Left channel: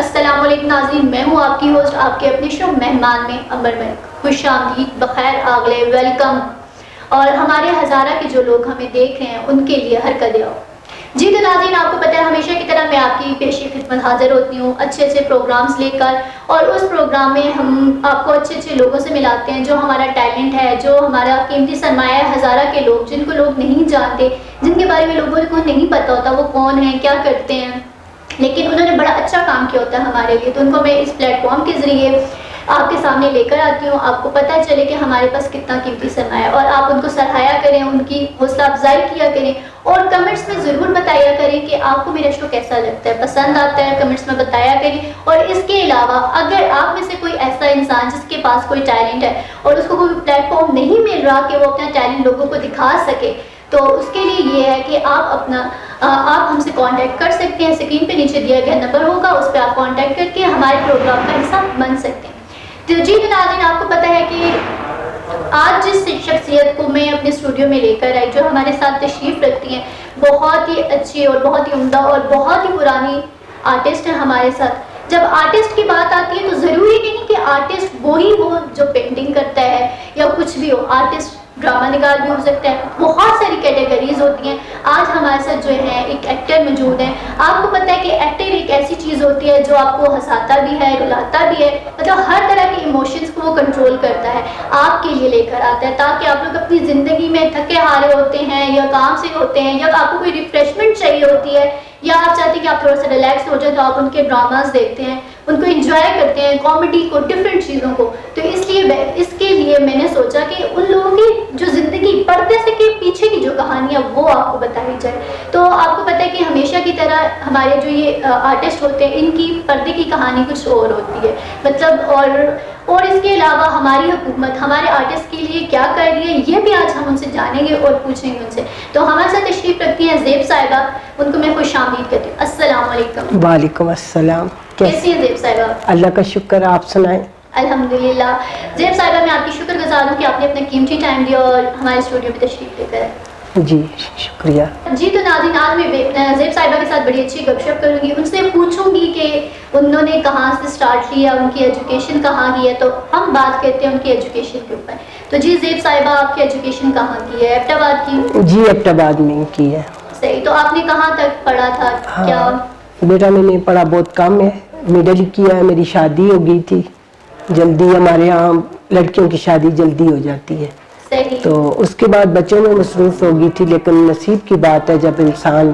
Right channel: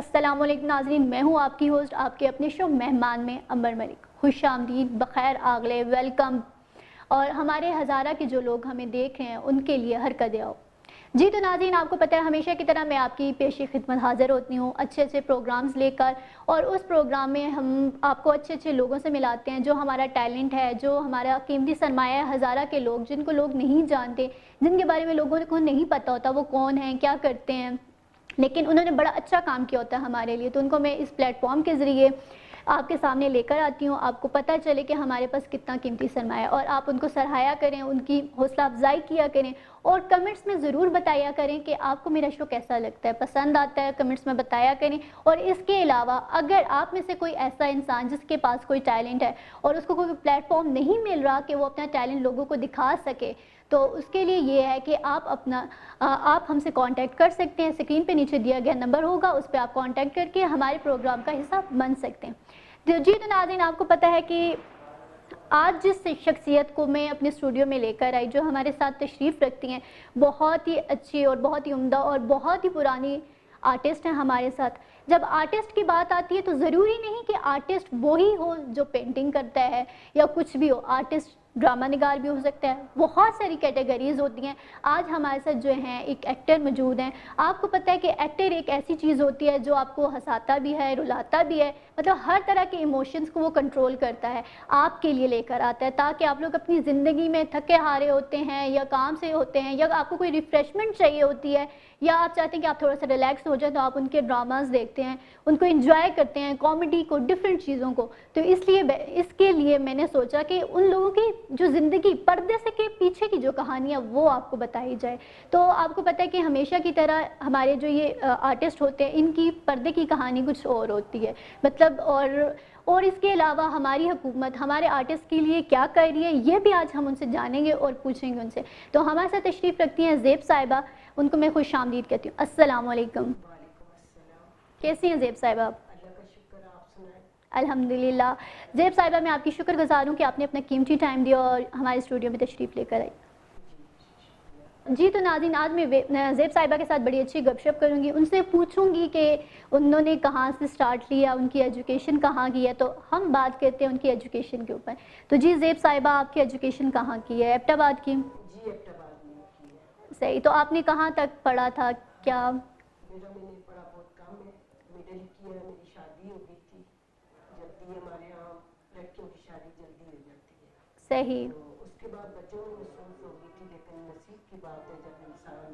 السلام علیکم ناظرین، میں ہوں آپ کی ہوسٹ، آپ کے اپنے شو مہمان میں امبر ملک۔ خوش آمدید، بخیر آگلے، ویلکم۔ اور ہمارے ہزارہ کے جو لوگ ہمیں دیکھ رہے ہیں ان کے لیے ہر قدر آؤ۔ جی تو ناظرین، آپ کو پتہ ہے ہمیشہ کی طرح میں آپ کی پیشی خدمت حاضر ہوتی ہوں اچھے اچھے پروگرامز لے کر، اور اس پروگرام میں ہم آپ کو اچھے اچھے لوگوں سے ملاتے ہیں جو ہمارا ٹیلنٹ ہے، جو ہمارا قیمتی سرمایہ ہے ہزارہ کے لوگ، جن کو لوگ نہیں جانتے، جن کے بارے میں لوگوں کو نہیں پتہ ہوتا وہ کون ہیں، کیا کرتے ہیں، لیکن انہوں نے بڑا اچھا کام کیا ہوتا ہے ہمارے لیے، تو ان کو میں اس پلیٹ فارم کے ذریعے آپ کے سامنے لے کر آتی ہوں، آپ کو پتہ چلے کہ ہمارے پاس کتنا قیمتی سرمایہ ہے، اور آپ ان کو سراہیا کریں، ان کی حوصلہ افزائی کیا کریں، اور کمنٹس میں ضرور بتایا کریں کہ آپ کو میرا شو کیسا لگتا ہے، پسند آتا ہے، کمنٹس میں بتایا کریں۔ اور اس کے علاوہ اگر آپ میں سے کوئی ایسا انسان جس کے پاس کوئی ٹیلنٹ ہے اور اس کو کوئی پلیٹ فارم نہیں مل رہا کہ وہ اپنا ٹیلنٹ لوگوں کو دکھا سکے، تو اس کے لیے یہ ہے کہ آپ ہم سے کانٹیکٹ کر سکتے ہیں، اسکرین پہ نیچے دیا گیا نمبر ہوگا، اس پہ آپ کانٹیکٹ کر کے ہمارے پروگرام کا حصہ بن سکتے ہیں۔ تو جی ناظرین، آپ کو پتہ ہے کہ آج جس شخصیت کو میں اپنے اسٹوڈیو میں لے کر آئی، جو ہمارے ساتھ تشریف رکھتی ہیں، بہت ہی اچھی اور بہت ہی عمدہ اور بہت ہی پرانی آرٹسٹ ہیں ہمارے ساتھ۔ جب آرٹسٹ کی بات آتی ہے تو ضروری نہیں کہ آرٹسٹ وہی ہو جو پینٹنگ کرتا ہے یا کچھ بھی ہو، آرٹسٹ ڈرامہ نگار بھی ہو سکتا ہے، بہت ساری کیٹیگریز ہوتی ہیں۔ آج ہمارے ساتھ جو ہے ایک ایکٹر موجود ہے۔ آپ کو پتہ ہے کہ ایکٹر ایک ایسی چیز ہوتی ہے جو آپ کو ہنساتا بھی ہے، رلاتا بھی ہے، مطلب ہر طرح کے ایموشنز کو وہ کنٹرول کرتا ہے، آپ کے لیے لے کر آتا ہے، تاکہ آپ لوگ اپنی زندگی میں تھکے ہارے ہوتے ہیں یا کام سے ہوتے ہیں یا آپ کو کوئی ریفریشمنٹ چاہیے ہوتی ہے، یا آپ چاہتے ہیں کہ آپ تھوڑا سا ریلیکس ہو جائے، تو آپ ان کے ڈراماز دیکھتے ہیں، ان کو انجوائے کرتے ہیں، کامیڈی کو، ڈفرینٹ چیزوں کو۔ تو اس کے لیے میں نے سوچا کہ ان لوگوں کی جو زندگی پردے سے کے پیچھے کی جو کہانیاں وہ آپ کو بتائی جائے۔ تو آپ کو پتہ ہے کہ ہمیشہ کی طرح ہمارے جو یہ آرٹسٹ ہوتے ہیں ان کی پردے کی کہانی کچھ اور ہوتی ہے، مطلب اور اس کے علاوہ ہماری حکومت ہمارے آرٹسٹ کے لیے کیا کر رہی ہے، یہ بھی آج ہم ان سے جانیں گے اور پوچھیں گے ان سے۔ تو ہمارے ساتھ تشریف رکھتی ہیں زیب صاحبہ، ان کو میں خوش آمدید کہتی ہوں۔ السلام علیکم۔ وعلیکم السلام۔ کیسی ہیں زیب صاحبہ؟ اللہ کا شکر، آپ سنائیں۔ الحمدللہ۔ زیب صاحبہ، میں آپ کی شکر گزار ہوں کہ آپ نے اپنا قیمتی ٹائم دیا اور ہمارے اسٹوڈیو میں تشریف لے کر آئے۔ جی شکریہ۔ جی تو ناظرین، آج میں زیب صاحبہ کے ساتھ بڑی اچھی گپ شپ کروں گی، ان سے پوچھوں گی کہ انہوں نے کہاں سے سٹارٹ کیا، ان کی ایجوکیشن کہاں کی ہے، تو ہم بات کرتے ہیں ان کی ایجوکیشن کے اوپر۔ تو جی زیب صاحبہ، آپ کی ایجوکیشن کہاں کی ہے؟ ایبٹ آباد کی؟ جی ایبٹ آباد میں کی ہے۔ صحیح، تو آپ نے کہاں تک پڑھا تھا؟ کیا بیٹا میں نے پڑھا بہت کم ہے، مڈل کیا ہے، میری شادی ہو گئی تھی جلدی، ہمارے یہاں لڑکیوں کی شادی جلدی ہو جاتی ہے، تو اس کے بعد بچوں میں مصروف ہو گئی تھی، لیکن نصیب کی بات ہے جب انسان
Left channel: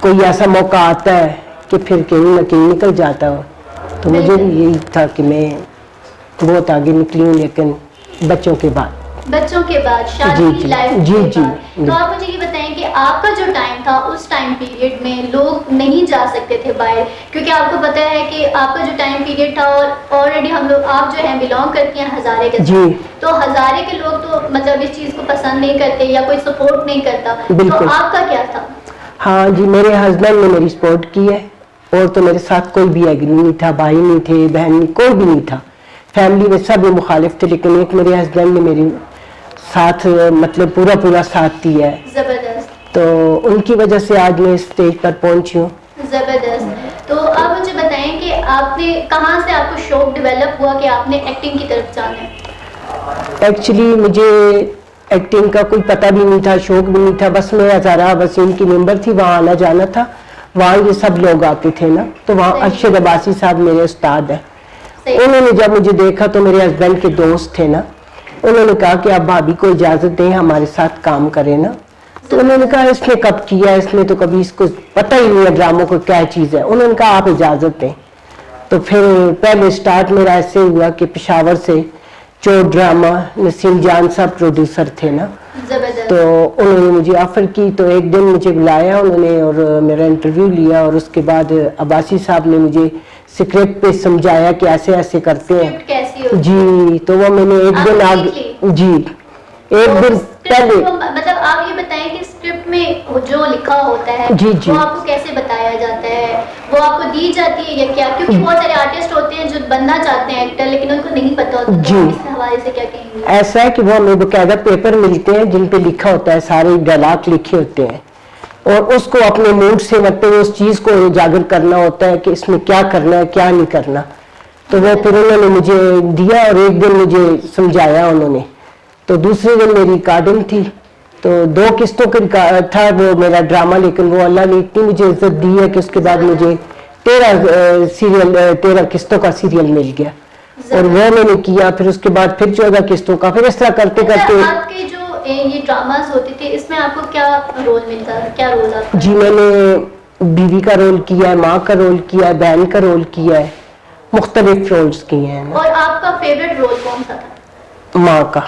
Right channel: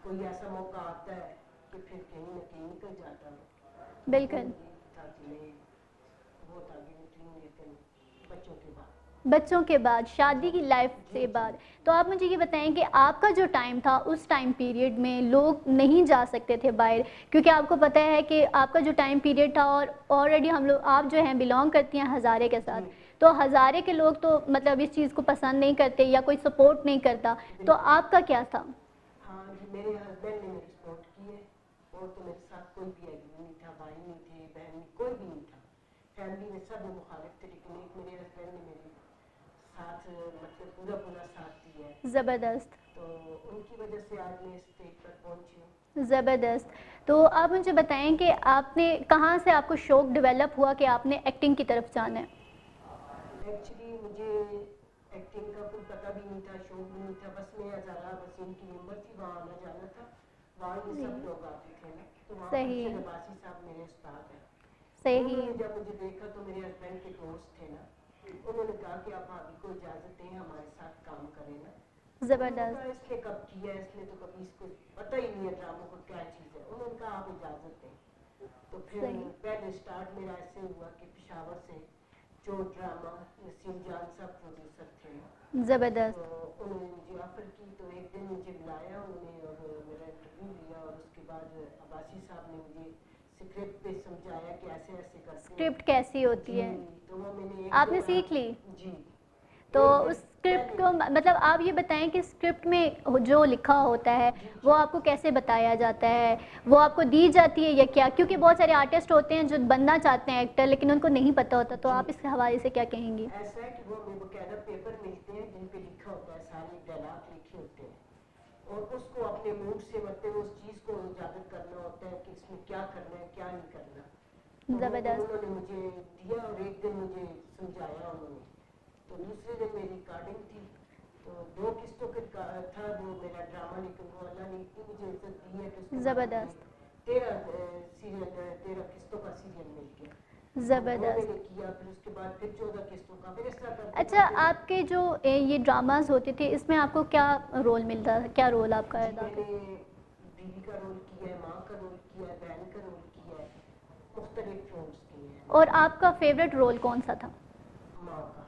کوئی ایسا موقع آتا ہے کہ پھر کہیں نہ کہیں نکل جاتا ہو، تو مجھے بھی یہی تھا کہ میں بہت آگے نکلی ہوں، لیکن بچوں کے بعد شادی لائف کے بعد۔ تو آپ مجھے یہ بتائیں کہ آپ کا جو ٹائم تھا اس ٹائم پیریڈ میں لوگ نہیں جا سکتے تھے باہر، کیونکہ آپ کو پتہ ہے کہ آپ کا جو ٹائم پیریڈ تھا، اور آلریڈی ہم لوگ، آپ جو ہیں بلانگ کرتی ہیں ہزارے کے ساتھ، تو ہزارے کے لوگ تو مطلب اس چیز کو پسند نہیں کرتے یا کوئی سپورٹ نہیں کرتا، تو آپ کا کیا تھا؟ ہاں جی، میرے ہسبینڈ نے میری سپورٹ کی ہے، اور تو میرے ساتھ کوئی بھی ایگری نہیں تھا، بھائی نہیں تھے، بہن نہیں، کوئی بھی نہیں تھا، فیملی میں سب مخالف تھے، لیکن ایک میرے ہسبینڈ نے میری ساتھ مطلب پورا ساتھ دیا ہے، زبردست، تو ان کی وجہ سے آج میں اسٹیج پر پہنچی ہوں۔ زبردست۔ تو آپ مجھے بتائیں کہ آپ نے کہاں سے آپ کو شوق ڈیولپ ہوا کہ آپ نے ایکٹنگ کی طرف جانا ہے؟ ایکچولی مجھے ایکٹنگ کا کوئی پتہ بھی نہیں تھا، شوق بھی نہیں تھا، بس میں ہزارہ وسیم کی ممبر تھی، وہاں آنا جانا تھا، وہاں یہ سب لوگ آتے تھے نا، تو وہاں ارشد عباسی صاحب میرے استاد ہیں، انہوں نے جب مجھے دیکھا تو میرے ہسبینڈ کے دوست تھے نا، انہوں نے کہا کہ آپ بھابھی کو اجازت دیں ہمارے ساتھ کام کریں نا، تو انہوں نے کہا اس نے کب کیا، اس نے تو کبھی اس کو پتہ ہی نہیں ہے ڈراموں کو کیا چیز ہے، انہوں نے کہا آپ اجازت دیں، تو پھر پہلے سٹارٹ میرا ایسے ہوا کہ پشاور سے چور ڈرامہ نسیم جان صاحب پروڈیوسر تھے نا، تو انہوں نے مجھے آفر کی، تو ایک دن مجھے بلایا انہوں نے اور میرا انٹرویو لیا، اور اس کے بعد عباسی صاحب نے مجھے اسکرپٹ پہ سمجھایا کہ ایسے ایسے کرتے ہیں جی، تو وہ میں نے ایک دن جی ایک دن پہلے، مطلب آپ یہ بتائیں کہ اسکرپٹ میں جو لکھا ہوتا ہے وہ آپ کو کیسے بتایا جاتا ہے، وہ آپ کو دی جاتی ہے یا کیا؟ کیونکہ بہت سارے آرٹسٹ ہوتے ہیں جو بننا چاہتے ہیں ایکٹر، لیکن ان کو نہیں پتہ ہوتا، تو آپ اس حوالے سے کیا کہیں گے؟ ایسا ہے کہ وہ ہمیں باقاعدہ پیپر ملتے ہیں جن پہ لکھا ہوتا ہے، سارے ڈائلاگ لکھے ہوتے ہیں، اور اس کو اپنے موڈ سے مطلب اس چیز کو اجاگر کرنا ہوتا ہے کہ اس میں کیا کرنا ہے کیا نہیں کرنا. تو وہ پھر انہوں نے مجھے دیا اور ایک دن مجھے سمجھایا انہوں نے. تو دوسرے دن میری ریکارڈنگ تھی تو 2 قسطوں کا تھا وہ میرا ڈرامہ, لیکن وہ اللہ نے اتنی مجھے عزت دی ہے کہ اس کے بعد مجھے 13 قسطوں کا سیریل مل گیا اور وہ میں نے کیا. پھر اس کے بعد پھر 14 قسطوں کا, پھر اس طرح کرتے کرتے. آپ کے جو یہ ڈراماز ہوتے تھے اس میں آپ کو کیا رول ملتا ہے, کیا رول آپ کا؟ جی میں نے بیوی کا رول کیا ہے, ماں کا رول کیا ہے, بہن کا رول کیا ہے, مختلف رولز کیے ہیں. اور آپ کا فیوریٹ رول کون سا تھا؟ ماں کا.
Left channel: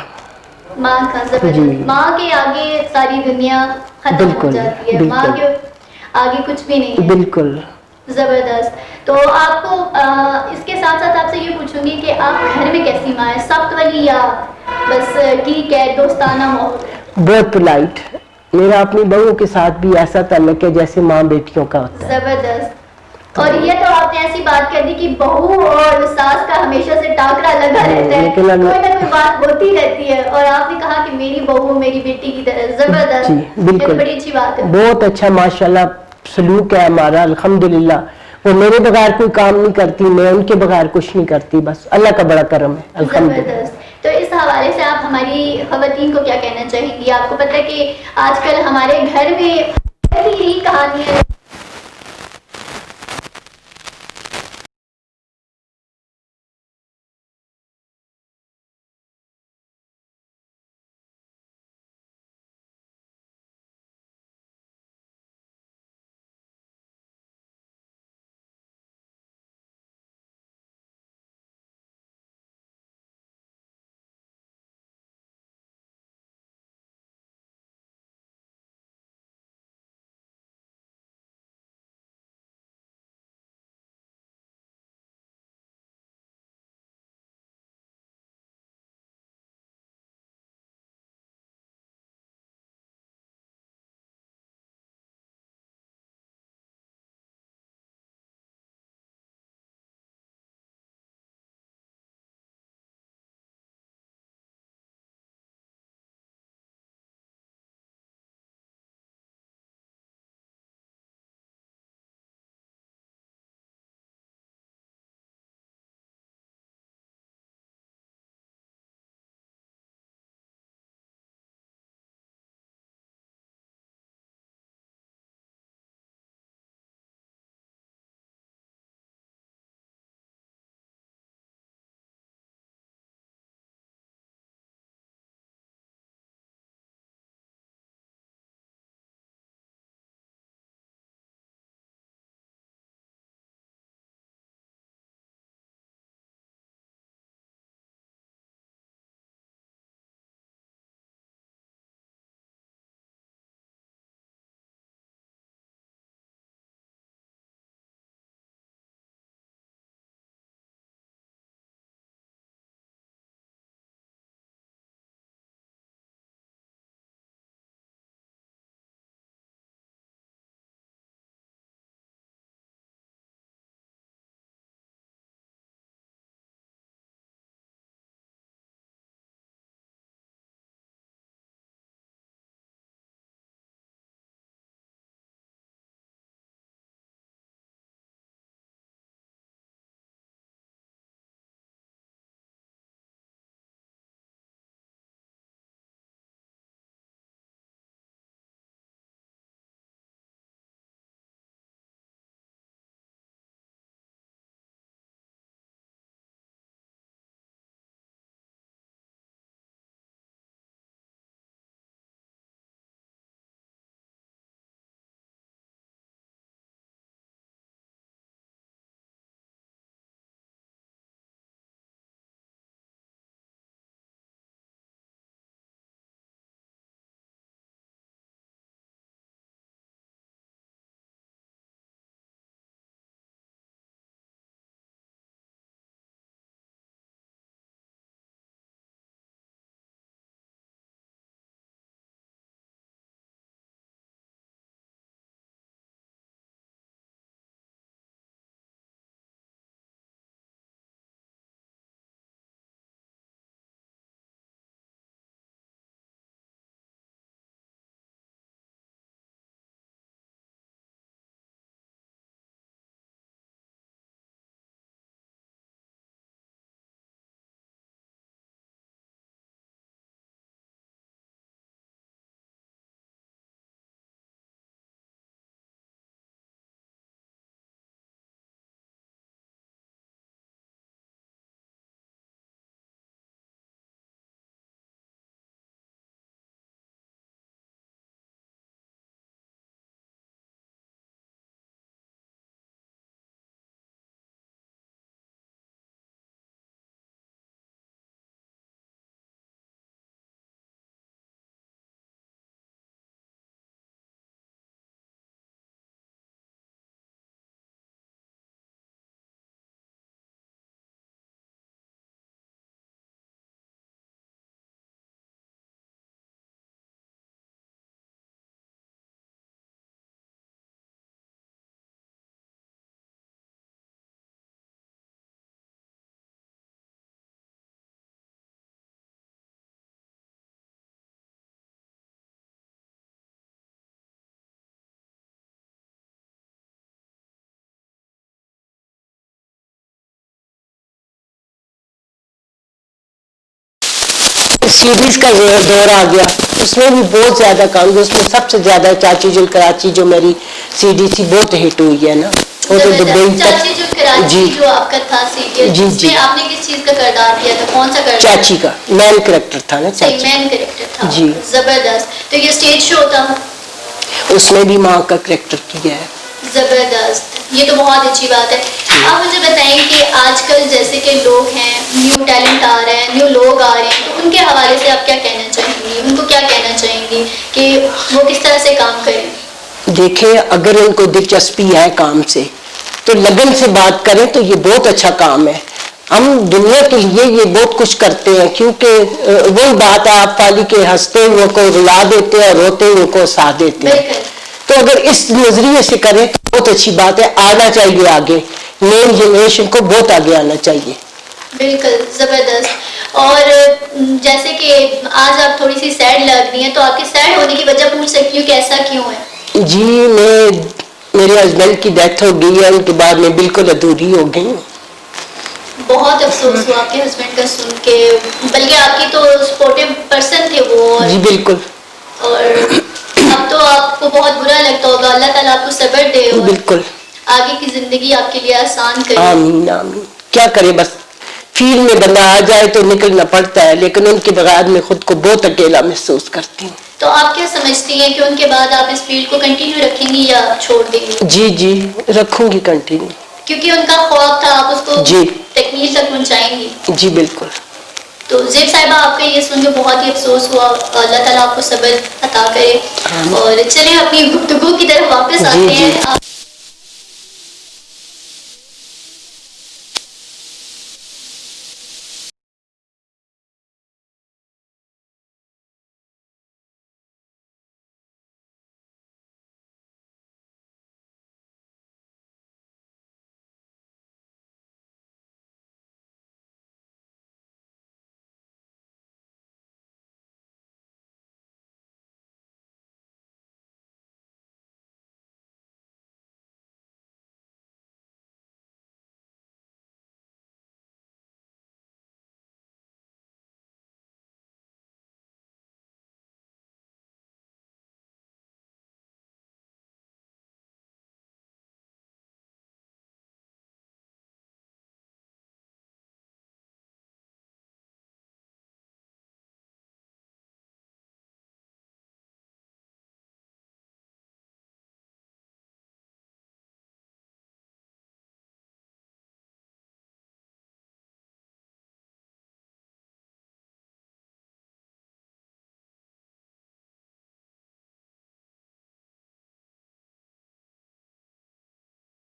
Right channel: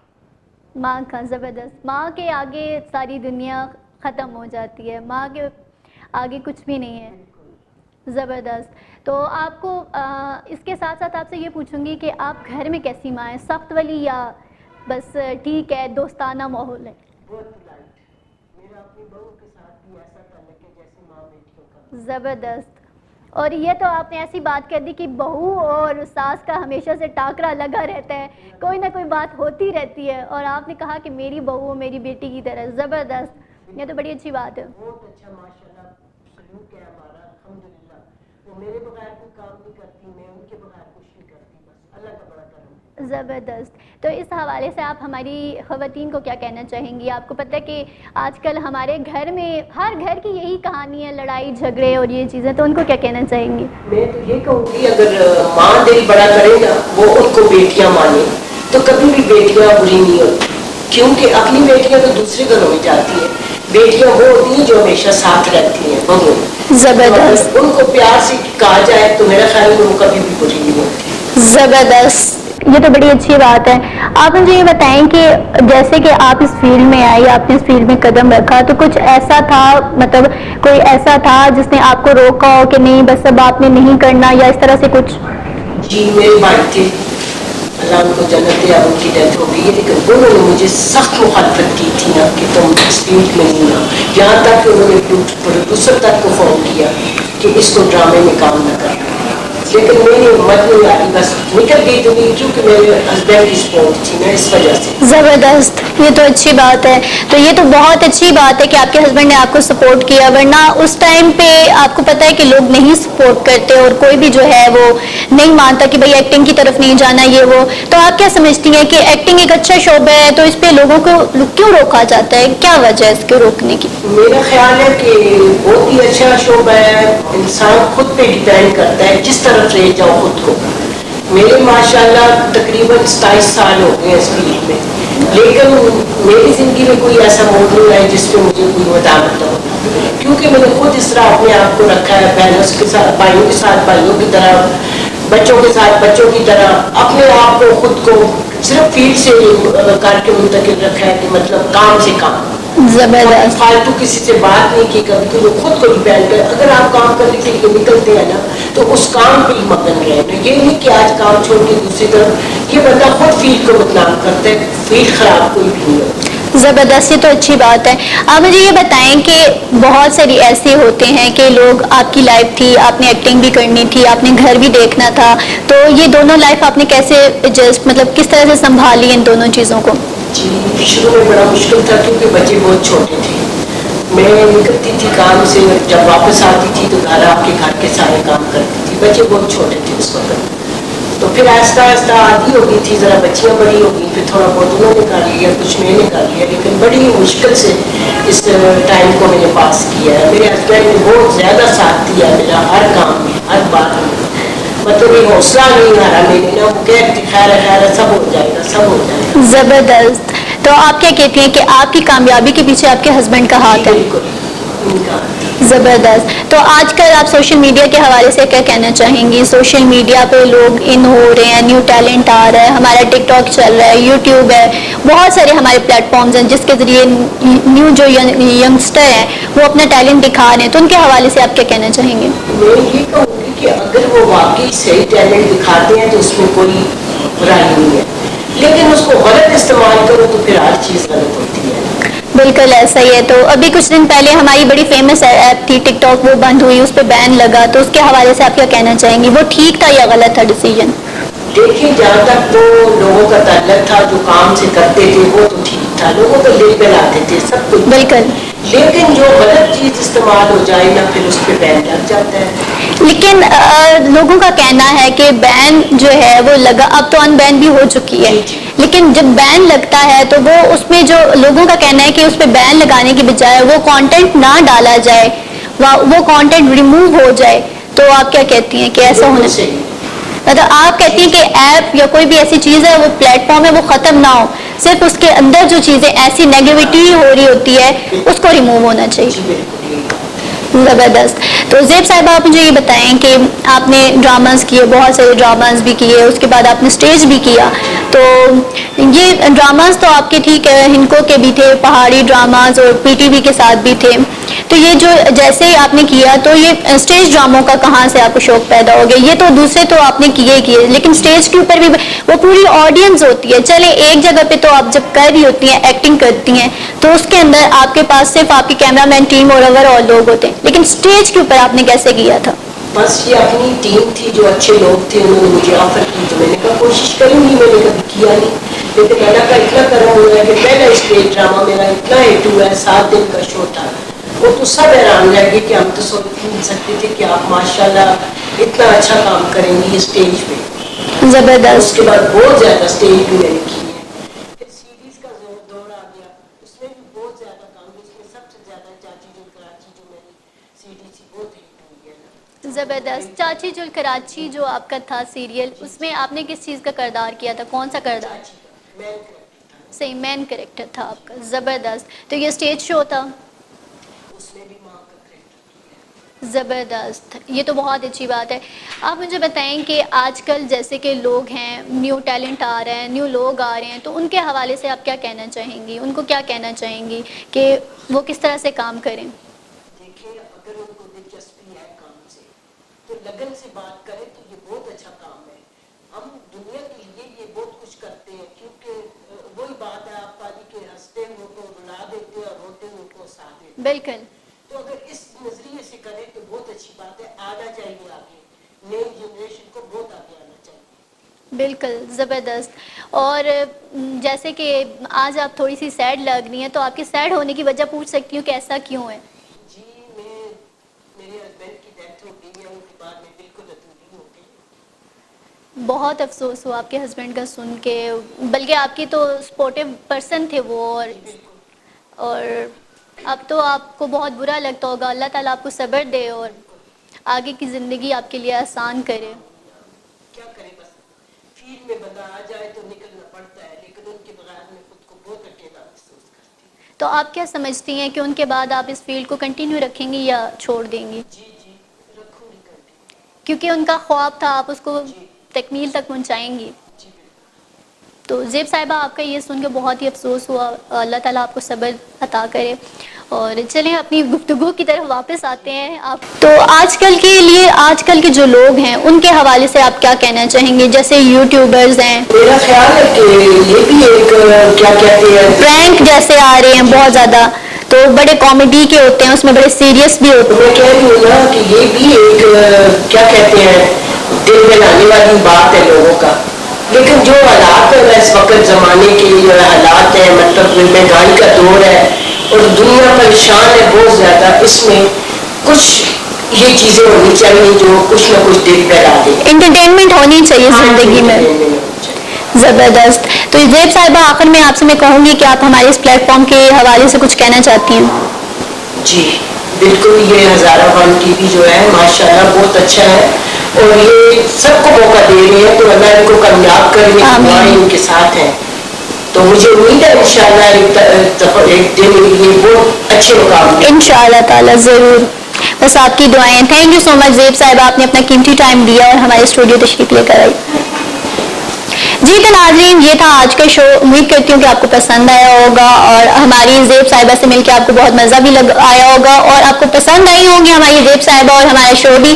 ماں کا زبردست. ماں کے آگے ساری دنیا ختم ہو جاتی ہے, ماں کے آگے کچھ بھی نہیں ہے. بالکل زبردست. تو آپ کو اس کے ساتھ ساتھ آپ سے یہ پوچھوں گی کہ آپ گھر میں کیسی ماں ہے, سخت والی یا بس ٹھیک ہے دوستانہ ماحول ہے؟ بہت پولائٹ. میرا اپنی بہو کے ساتھ بھی ایسا تعلق ہے جیسے ماں بیٹیوں کا ہوتا ہے. زبردست. اور یہ تو آپ نے ایسی بات کر دی کہ بہو اور ساس کا ہمیشہ سے ٹاکرا لگا رہتا ہے, کوئی نہ کوئی بات ہوتی رہتی ہے, اور آپ نے کہا کہ میری بہو میری بیٹی کی طرح. زبردست. یہ تو بڑی اچھی بات ہے. بہت اچھا ماشاءاللہ سلوک ہے ہمارا الحمدللہ. وہ میرے بغیر کوئی کام نہیں کرتی, میں ان کے بغیر کچھ نہیں کرتی, بس اللہ کا بڑا کرم ہے الحمدللہ. زبردست. تو اس حوالے سے آپ ہماری خواتین کو کیا کہنا چاہیے گی؟ آپ کو پتہ ہے کہ آج کل ہمارے گھر میں ہر گھر کی یہی کہانی ہے, لڑائی جھگڑے اور یہ چیزیں, تو ان کو کیا کہنا چاہیں گی؟ میں یہ کہوں گی اگر ماں دل بڑا کرے نا, وہ ان کو بیٹیاں مانے, تو کبھی بھی بیٹیاں بری نہیں ہوتی, کیونکہ اپنی بیٹیاں تو دوسرے گھروں میں جاتی ہیں. بیٹیاں وہ ہوتی ہیں جو ہمیشہ ساتھ رہتی ہیں بہو. زبردست. ان کو پیار سے کہا جائے تو میرا خیال ہے وہ کبھی بھی بری نہیں ہوتی. زبردست. یہ تو بڑی اچھی بات ہے. آپ مجھے یہ بتائیں کہ جیسے کہ آپ اس فیلڈ میں آئی, آپ نے اس فیلڈ میں قدم رکھا, تو کچھ ایسا تھا, مطلب کوئی ایسا تھا جس نے آپ کو روکا ہو کہ نہیں بس اب آپ نے نہیں کرنا, یا اس طرح سے کچھ؟ جی میرے بھائی تھے, اللہ ان کو جنت دے, ان کی ڈیتھ ہو گئی ہے, لیکن انہوں نے مجھے سخت مخالفت کی تھی نا کہ تم اس فیلڈ میں نہیں نا, یہاں تک کہ انہوں نے پروڈیوسر تک کو فون کیا کہ اس کو ڈرامے میں کام نہ کرنا, لیکن میری ہمت نہیں آئی, بس نکل گئی تو نہیں, کیونکہ میرے ہسبینڈ کی سپورٹ تھی نا, اس وجہ سے. زبردست. یہ تو اچھی بات ہے. تو یہ تو بہت اچھی بات ہے کہ آپ کے ہسبینڈ نے آپ کو سپورٹ کیا, ورنہ اس ٹائم پہ آپ کو پتہ ہے کہ لوگ نہیں سپورٹ کرتے, اور کوئی بھی جو ہے وہ نہیں مانتا کہ بھائی ایکٹنگ کی طرف نہیں جانا یہ وہ. تو آپ کیا سمجھتی ہیں کہ ایکٹنگ ایک اچھا شعبہ ہے, تو اس پہ لوگوں کو کیوں روکا جاتا ہے, کیا وجہ ہے اس کو روکنے کی؟ میرا خیال ہے کہ بہت ہی اچھا شعبہ ہے, انسان خود پہ ڈیپینڈ کرتا ہے جس طرف لے جاؤ خود کو. میرے ماشاءاللہ تقریباً 27 سال ہو گئے اس فیلڈ میں, لیکن میری زندگی میں کوئی ایسا موضوع نہیں ہے جس پہ مجھے کوئی مداخلت ہو, کیونکہ میں نے خود اس طرح اپنے آپ کو رکھا ہے, بہنوں کے ساتھ بھائیوں کے ساتھ بھائیوں کی طرح, بچوں کے ساتھ بچوں کی طرح, اپنے آپ کو خود کو صرف فیلڈ سے کر کے منتقل رکھا ہے کہ مطلب کام سے کام. زبردست. فالتو کسی سے بات نہیں کی کبھی, کہ وہ خود کو ڈیپینڈ کرے. اگر آپ کام کرنے کے لیے نکلتے ہیں نا تو اس کام پہ ہی مگن رہے, یہ نہیں کہ آج کام چھوڑ کے دوسری طرف. یہ بندہ خود فیلڈ کو بدنام کرتا ہے, فیلڈ خراب کوئی بھی نہیں ہوتی. زبردست. یہ تو اچھی بات ہے. آپ مجھے یہ بتائیں کہ بہت ساری ایسے ہوتے ہیں کہ لوگ, آپ کی لائف تھی, آپ نے ایکٹنگ بھی کرنی تھی, آپ نے گھر بھی دیکھنا تھا, تو یہ دونوں لائف آپ نے کیسے ایڈجسٹ, مطلب کس طرح سے سنبھالی ان دونوں چیزوں کو؟ جی شروع میں بڑا مشکل تھا, کیونکہ بچے بہت چھوٹے تھے. میں نکلتی تھی کام سے, جب واپس آتی تھی تو گھر آپ کے گھر کے سارے کام کرتی تھی, بچے بہت چھوٹے تھے اس وقت. تو پھر آہستہ آہستہ عادی ہو گئی تھی, ذرا بچیاں بڑی ہو گئی, پھر تھوڑا بہت انہوں نے کر لیا, کچھ میں نے کر لیا, لیکن بڑی مشکل سے اس ٹائم کو میں نے پاس کیا ہے. میرے ہسبینڈ نے بہت زیادہ ساتھ دیا میرا ہر کام میں, ہر بات میں, مطلب یہ حوصلہ نہیں ہارا میں نے نا, وہ کہتی خیر ہے خیر ہے, سب ہو جائے گا, سب ہو جائے گا. زبردست. تو آپ کیا کہتی ہیں کہ آپ کی کامیابی کے پیچھے آپ کے ہسبینڈ کا ہاتھ ہے؟ بالکل ان کا. زبردست. تو آج کل آپ سوشل میڈیا کے حوالے سے کیا کہنا چاہیں گی؟ سوشل میڈیا پہ لوگ ان ہو رہے ہیں, نیو ٹیلنٹ آ رہا ہے, ہمارا ٹک ٹاک چل رہا ہے, یوٹیوب ہے, بہت سارے ہمارے پلیٹ فارمز ہیں جس کے ذریعے نیو جو ینگسٹر ہیں وہ اپنا ٹیلنٹ دکھا رہے ہیں, تو ان کے حوالے سے آپ کیا کہنا چاہیں گے؟ میں یہ کہوں گی کہ اگر وہ واقعی صحیح ٹیلنٹ دکھاتے ہیں تو اس میں کوئی برائی نہیں ہے, لیکن اس کو غلط استعمال کرو تو پھر ہر چیز غلط ہوتی ہے. بالکل ایسا ہی ہے. تو ابھی کچھ دن پہلے ہماری بڑی فیمس ایپ تھی ٹک ٹاک, وہ بند ہوئی, اس پہ بین لگا, تو اس کے حوالے سے آپ کیا کہنا چاہیں گی؟ وہ ٹھیک تھا یا غلط تھا ڈیسیژن؟ دیکھیں جہاں تک تو لوگوں کا تعلق تھا, جو کام سے کرتے تھے وہ تو ٹھیک تھا, لوگوں کو دل پہ لاتے تھے سب کچھ. بالکل. لیکن جو غلط چیز استعمال ہو جائے نا پھر اس پہ بین لگ جاتا ہے. لیکن لوگوں کا کہنا ہے کہ بین جو ہے وہ لگا، اب تو ان بین بھی ہو چکی ہے، لیکن جب بین لگتا ہے تو وہ اس میں جو لوگوں کا کہنا ہے کہ اس پہ بین لگانے کی بجائے وہ کانٹینٹ نہ ڈالا جائے، وہ کانٹینٹ ریموو ہو جائے، تو آپ کیا کہتی ہیں کہ ایسا ہونا چاہیے؟ مطلب آپ کہتی ہیں کہ ایپ یا کوئی بھی ایسی چیز ہے وہ پلیٹ فارم ہے وہ ختم نہ ہو، صرف اس کے اندر جو چیزیں ایسی نیگیوٹی ہو رہی ہوتی ہے اس کو ریموو ہونا چاہیے. زبردست. تو زیب صاحبہ آپ مجھے یہ بتائیں کہ آپ نے ڈراماز کیے، بہت سارے ڈراماز بھی کیے، اس کے بعد آپ نے اسٹیج بھی کیا، تو یہ ڈراماز تو آپ کے ٹھیک ہے ہنکو کے بھی تھے، پہاڑی ڈراماز اور پی ٹی وی کے ساتھ بھی تھے، تو یہ جو جیسے ہی آپ نے کیا تو یہ اسٹیج ڈراموں کا کہاں سے آپ کو شوق پیدا ہو گیا؟ یہ تو دوسرے تو آپ نے کیے ہی کیے، لیکن اسٹیج کے اوپر بھی وہ پوری آڈینس ہوتی ہے، چلے ایک جگہ پہ تو آپ جب کر رہی ہوتی ہیں ایکٹنگ کرتی ہیں تو اس کے اندر آپ کے پاس صرف آپ کی کیمرہ مین ٹیم اور اوور آل لوگ ہوتے ہیں، لیکن اسٹیج کے اوپر آپ نے کیسے کیا تھا؟ بس یہ اپنی ٹیم تھی، جو اچھے لوگ تھے انہوں نے مجھے آفر کی تو میں نے کہا کوشش کروں گی، میں نے کبھی کیا نہیں، لیکن اللہ کا اتنا کرم ہوا ہے کہ پہلا اسٹیج ڈرامہ میرا اتنا ہٹ ہوا ہے، 7 دن کا شو تھا، وہ تو سب حیران رہ گئے کہ ہم تو سوچ نہیں سکتے تھے کہ آپ ماشاءاللہ اتنا اچھا کام کریں گی اسٹیج پہ. زبردست. اس کے بعد بہت زیادہ اسٹیج بھی میں نے کی. سیریز کا دور آ گیا، اس میں بھی بہت زیادہ کام کیا، اس میں سب سے زیادہ چاچی جل کراچی جو میری سی ڈی تھی بہت ہٹ ہوئی ہے نا، وہ تو دبئی چاچی جو کراچی جو آپ کا تھا سیریل، جی اس میں آپ نے کس چیز کا کردار کیا تھا؟ کون سا کردار؟ چاچی کا مین کریکٹر تھا نا، صحیح مین کریکٹر تھا. جی زبردست. تو یہ اسٹیج شو تھا، اس میں بھی ماں کا کریکٹر کیا ہے. زبردست. یہ تو بہت اچھی بات ہے. آپ مجھے بتائیں کہ آج کل جیسے کہ لوگ ہیں، نیو ٹیلنٹ آ رہے ہیں، نیو لوگ آ رہے ہیں، تو ان کے حوالے سے آپ کیا کہنا چاہیں گی؟ ان کو کیا کہنا چاہیں گی کہ وہ کس طرح سے کام کریں؟ دیکھیں اگر ان کو دلچسپی ہے کام سے تو لگن سے بات کریں تو یہ بہت اچھا کام ہے. ہم دنیا کے لیے یہ بہت کچھ کرتے ہیں، کیونکہ وہی بات ہے آپ والی کے ہنستے ہوئے کو رلا دیتے ہیں اور روتے ہوئے کو ہنسا دیتے ہیں. تو اگر اس نظریے سے کریں تو بہت اچھی بات ہے، آنا چاہیے آگے، نئی جنریشن کو بہت آگے آنا چاہیے. بالکل زبردست. اور جیسے کہ آج آپ تھوڑی سی سیڈ لگ رہی ہیں، تو آپ کے سیڈ ہونے کی وجہ پوچھ سکتی ہوں کہ ایسا کیوں ہے؟ جی میرے ہسبینڈ کی ڈیتھ ہو گئی ہے، ان کے بعد میں بالکل ادھوری ہو گئی ہوں. بہت افسوس ہوا آپ کے ہسبینڈ کا سن کے، بلکہ آپ کی تو سپورٹیو پرسن تھے وہ. جی بالکل. اور اب تو آپ کو بہت برا لگتا ہوگا. اللہ تعالیٰ آپ کو صبر دے اور بالکل آگے کی زندگی آپ کے لیے آسان کرے. آمین آمین. کیا کرے، بس فیلڈ میں بندہ آ جائے تو نکلنا پڑتا ہے، لیکن ان کے بغیر میں خود کو بہت اکیلا محسوس کرتی ہوں. تو آپ کیا سمجھتی ہیں کہ ان کے بعد آپ اس فیلڈ کو کنٹینیو رکھیں گی یا چھوڑ دیں گی؟ جی جی رکھوں گی کنٹینیو، کیونکہ ان کا خواب تھا، آپ اس کو جی تکمیل تک پہنچائیں گی. جی بالکل. تو زیب صاحبہ آپ کا یہ سن کے بہت ہی افسوس ہوا. اللہ تعالیٰ آپ کو صبر عطا کرے. اور چلیں اپنی گفتگو کی طرف واپس آتے ہیں. تو آج کل کے لیے، آج کل کے جو لوگ ہیں ان کے حوالے سے آپ کیا کہنا چاہیں گے؟ جیسے یوٹیوبرز ہیں، میرا خیال ہے کہ یہ بھی ایک کیا کہتے ہیں پرینک جیسے آ رہے ہیں بہت زیادہ، تو بڑے کامیڈی کے ہوتے ہیں، اس میں بڑے سیریس بھی ہوتے ہیں. میں کہہ رہی ہوں نا کہ یہ بھی ایک کیا کہتے ہیں دل میں لانے والی بات ہے لوگوں کا، لیکن جو حالات ہے اس وقت زمانے کے جو حالات ہیں، مطلب مہنگائی کا دور ہے اور دنیا پریشان ہے بہت زیادہ، اس میں کچھ یہ چیزیں ہونی چاہیے جو کچھ نہ کچھ دل پہ لا دے. انٹرٹینمنٹ ہونی چاہیے زندگی میں. زبردست. تو زیب صاحبہ آخر میں آپ سے میں کہوں گی کہ آپ ہمارے اس پلیٹ فارم کے حوالے سے کچھ کہنا چاہتی ہیں؟ جی بالکل. یہ ہزارہ ون ٹی وی جو ہے ماشاءاللہ بہت اچھا ہے اور یہ سب کو موقع دے رہے ہیں، تو اللہ ان کو کامیاب کرے، دعائیں ان کے ساتھ ہیں. تو مجھے امید ہے انشاءاللہ ایک دن یہ بہت اچھے مقام پہ انشاءاللہ تعالیٰ ضرور. بس آپ کی دعائیں. تھینک یو سو مچ زیب صاحبہ، آپ نے اپنا قیمتی ٹائم دیا اور ہمارے اسٹوڈیو تشریف لے کر آئی. جی تو ناظرین، یہ تھا آج کا شو. امید کرتی ہوں کہ آپ کو پسند آیا ہوگا اور ہماری زیب صاحبہ سے مل کے آپ کو بہت مزہ بھی آیا ہوگا اور آپ کو پسند آئی ہوگی ہماری زیب صاحبہ اور ہمارا شو بھی.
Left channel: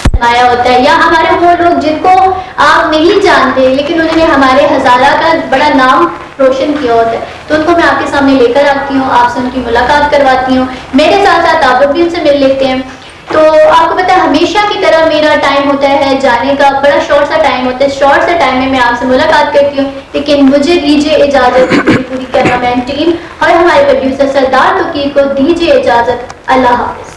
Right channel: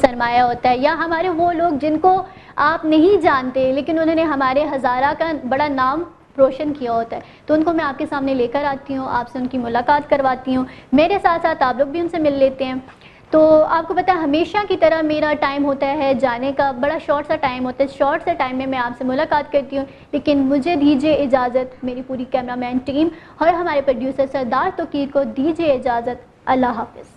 فرمایا ہوتا ہے، یا ہمارے وہ لوگ جن کو آپ نہیں جانتے لیکن انہوں نے ہمارے ہزارہ کا بڑا نام روشن کیا ہوتا ہے، تو ان کو میں آپ کے سامنے لے کر آتی ہوں، آپ سے ان کی ملاقات کرواتی ہوں. میرے ساتھ ساتھ آپ بھی ان سے مل لیتے ہیں. تو آپ کو پتا ہے ہمیشہ کی طرح میرا ٹائم ہوتا ہے جانے کا، بڑا شارٹ سا ٹائم ہوتا ہے، شارٹ سا ٹائم میں میں آپ سے ملاقات کرتی ہوں، لیکن مجھے دیجیے اجازت، میری پوری کیمرہ مین ٹیم اور ہمارے پروڈیوسر سردار توقیر کو دیجیے اجازت۔ اللہ حافظ۔